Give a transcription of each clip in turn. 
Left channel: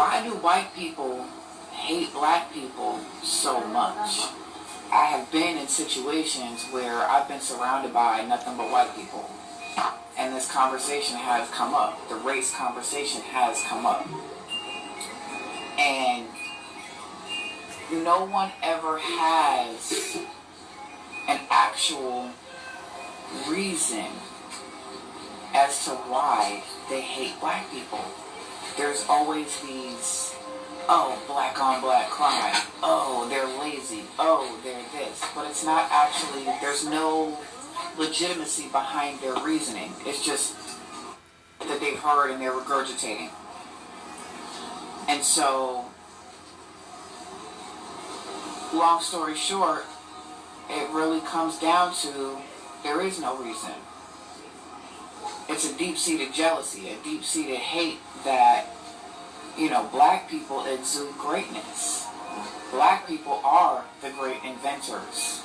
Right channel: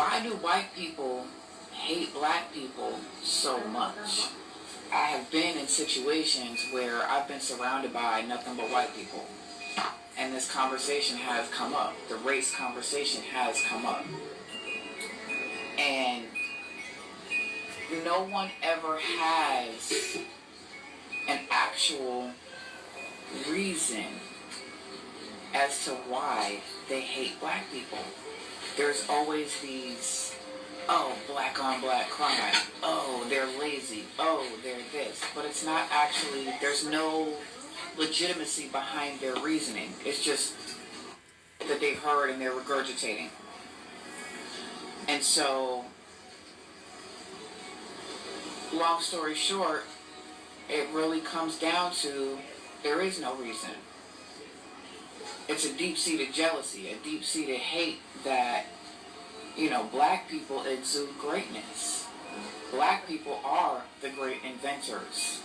Why do white people hate black people so much? I have been in situations where I've been surrounded by nothing but white people. And this conversation has come up. The race conversation has come up. And no one ever has an actual reason as to why they hate black people. There's always these, oh, black on black crime, oh, they're lazy, oh, they're this. But it's not actually, there's no legitimacy behind their reasoning. It's just that they've heard and they're regurgitating. And so, long story short, it really comes down to there is no reason. It's a deep-seated jealousy, a deep-seated hate that, black people exude greatness. Black people are the great inventors.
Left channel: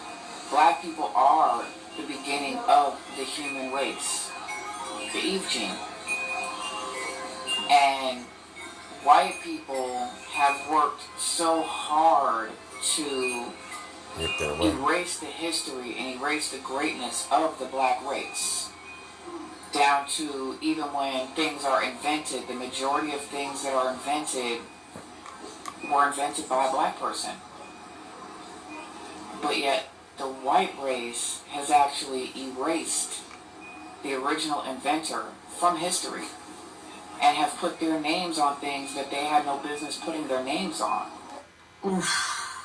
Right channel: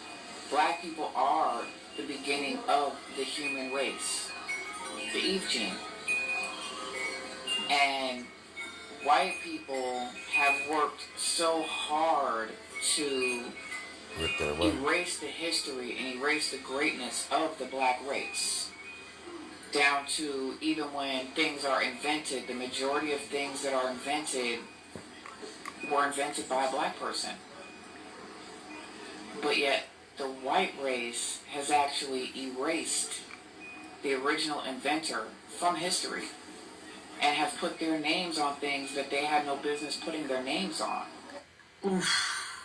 Black people are the beginning of the human race, the Eve gene. And white people have worked so hard to erase the history and erase the greatness of the black race. Down to even when things are invented, the majority of things that are invented were invented by a black person. But yet, the white race has actually erased the original inventor from history and have put their names on things that they had no business putting their names on. Oof.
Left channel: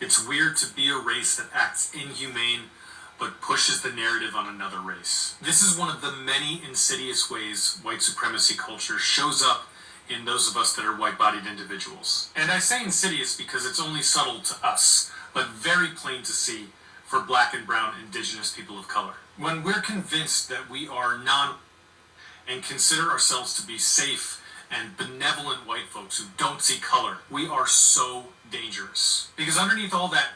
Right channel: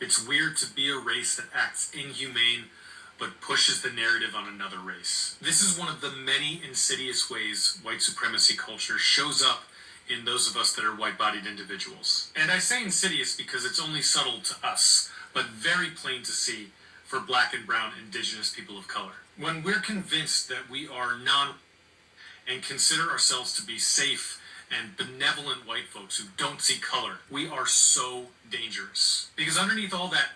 It's weird to be a race that acts inhumane but pushes the narrative on another race. This is one of the many insidious ways white supremacy culture shows up in those of us that are white-bodied individuals. And I say insidious because it's only subtle to us, but very plain to see for black and brown indigenous people of color. When we're convinced that we are and consider ourselves to be safe and benevolent white folks who don't see color, we are so dangerous. Because underneath all that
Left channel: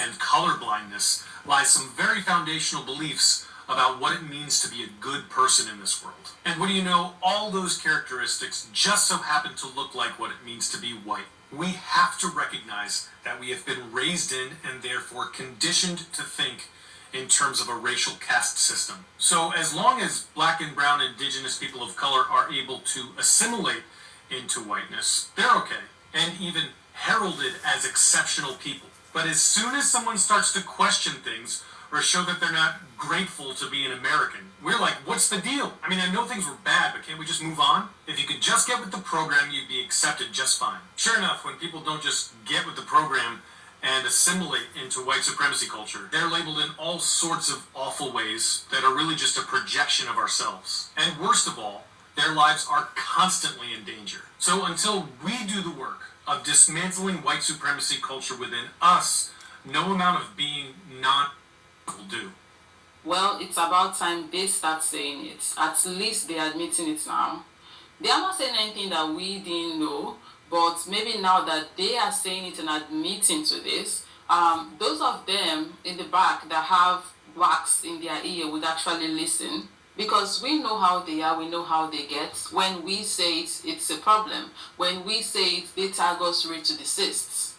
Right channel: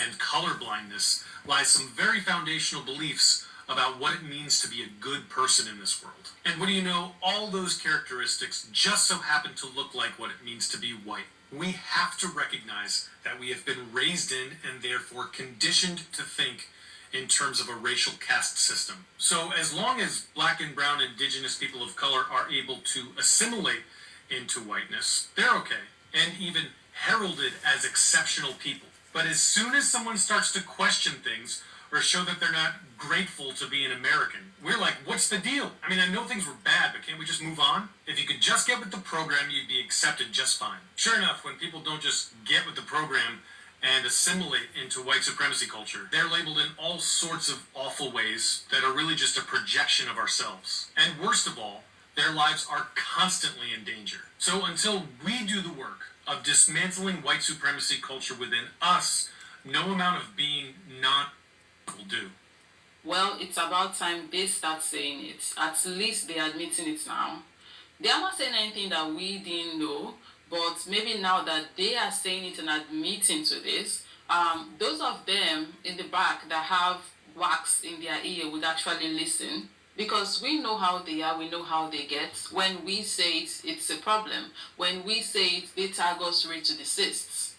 and color blindness lies some very foundational beliefs about what it means to be a good person in this world. And what do you know, all those characteristics just so happen to look like what it means to be white. We have to recognize that we have been raised in and therefore conditioned to think in terms of a racial caste system. So as long as black and brown indigenous people of color are able to assimilate into whiteness, they're okay, and even heralded as exceptional people. But as soon as someone starts to question things or show that they're not grateful to be an American, we're like, what's the deal? I mean, I know things were bad, but can't we just move on? If you could just get with the program, you'd be accepted just fine. Sure enough, when people don't just get with the program and assimilate into white supremacy culture, they're labeled in all sorts of awful ways that are really just a projection of ourselves. And worst of all, their lives are constantly in danger. So until we do the work of dismantling white supremacy culture within us, no amount of being will do. Well, it's about time they start saying it. At least they're admitting it now. They are not saying anything that we didn't know, but maybe now that they are saying it and admitting to this, those of them in the back that have wax in their ear would actually listen. Because we know how they are, we know how they get. When we say it, it's a problem. When we say it, they tag us ready to desist.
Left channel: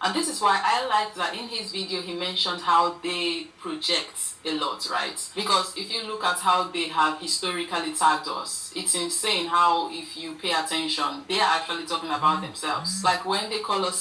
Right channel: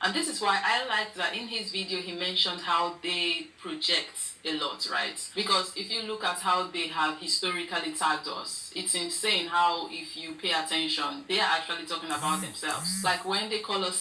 And this is why I like that in his video he mentioned how they project a lot, right? Because if you look at how they have historically tagged us, it's insane how if you pay attention, they are actually talking about themselves. Like when they call us